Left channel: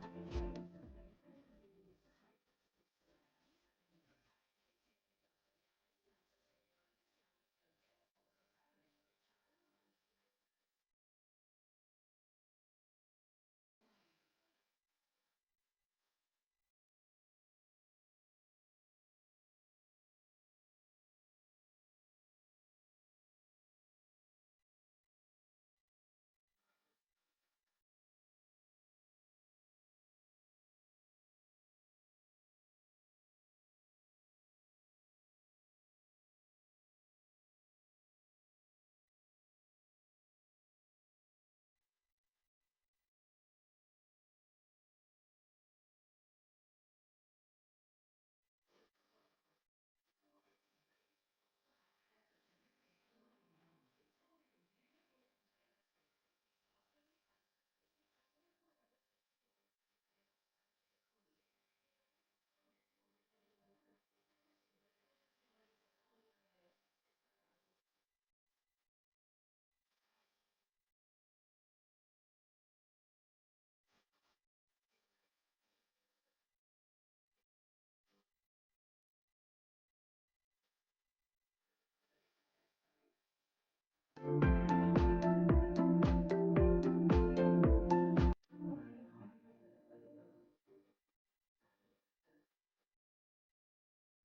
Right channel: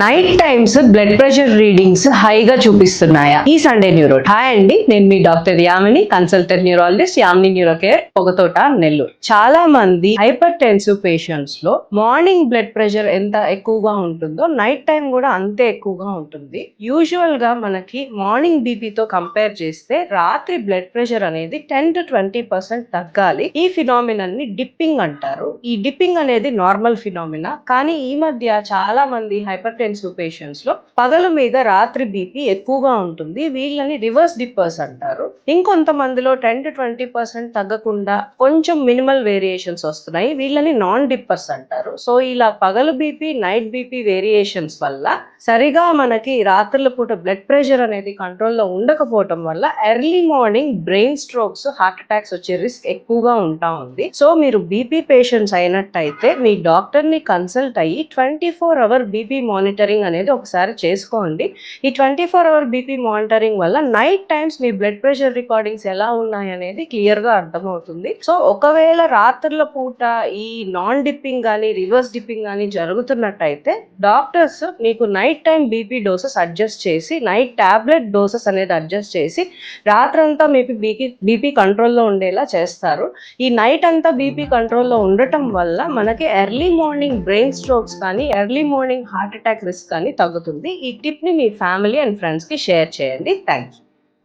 Night times blood pressure readings హైగా చూపిస్తున్నాయా? ఈ సండే న్యూరో. హాయ్ అండి, నేను మీ doctor Yamini, consultant neurologist, Yamini neuro care, Pogathota, Nellore. చాలా మంది హైపర్ టెన్సివ్ పేషెంట్స్ లో మార్నింగ్ బ్లడ్ ప్రెషర్ ఎంత ఎక్కువగా ఉంటుందో నైట్ టైం కూడా అంతే ఎక్కువగా ఉంటుంది. యూజువల్ గా మనకి మార్నింగ్ బీపీతో కంపేర్ చేస్తే రాత్రి బ్లడ్ ప్రెషర్ అనేది 10-20% తగ్గాలి. ఈ ఫినామినన్ ని డిప్పింగ్ అంటారు. ఈ డిప్పింగ్ అనేది నార్మల్ ఫినామినా, కానీ ఈ మధ్య చాలా మంది హైపర్ టెన్సివ్ పేషెంట్స్ లో పగలు మీద రాత్రి బీపీ ఎక్కువగా ఉంటుంది. వీళ్ళని రివర్స్ డిప్పర్స్ అంటారు. ఇంకొంతమందిలో 10-20% తగ్గకుండా కొంచెం మినిమల్ వేరియేషన్స్ వస్తున్నాయి. వీళ్ళని నాన్ డిప్పర్స్ అంటారు. సో ఇలా పగలు బీపీ, నైట్ బీపీ వేరియేషన్స్ వల్ల సరిగా మనకి రాత్రుల పూట బ్లడ్ ప్రెషర్ అనేది కంట్రోల్లో ఉండకపోవటం వల్ల early morning brain strokes, heart attacks వచ్చే రిస్క్ ఎక్కువగా ఉంటా ఉంది. సో మీరు బీపీ పేషెంట్స్ అయినట్టయితే మీ డాక్టర్ ని కన్సల్ట్ అయ్యి 24-hour బీపీ మానిటరింగ్ అనేది ఒకసారి చేసుకోండి. ఈ 24-hour బీపీ మానిటరింగ్ వల్ల నైట్ టైమ్స్ మీ బ్లడ్ ప్రెషర్ రికార్డింగ్స్ ఎలా ఉన్నాయి అనేది క్లియర్ గా అర్థమవుతుంది. సో ఒకవేళ రాత్రుల పూట ఈ నాన్ డిప్పింగ్ కానీ రివర్స్ డిప్పింగ్ కానీ జరుగుతున్నట్టయితే డాక్టర్స్ మీకు night time BP doses adjust చేసి, నైట్ టాబ్లెట్ డోసెస్ అనేది అడ్జస్ట్ చేసి రాత్రంతా మీకు బీపీ కంట్రోల్లో ఉండేలా చేస్తారు. ఈ నైట్ అంతా బీపీ కంట్రోల్లో ఉండటం వల్ల మనకి ఎర్లీ మార్నింగ్ బ్రెయిన్ స్ట్రోక్స్ కానీ early morning heart attack risk కానీ తగ్గుతుంది. ఈ టిప్ ని మీ ఫ్యామిలీ అండ్ ఫ్రెండ్స్ కి షేర్ చేయండి. Thank you.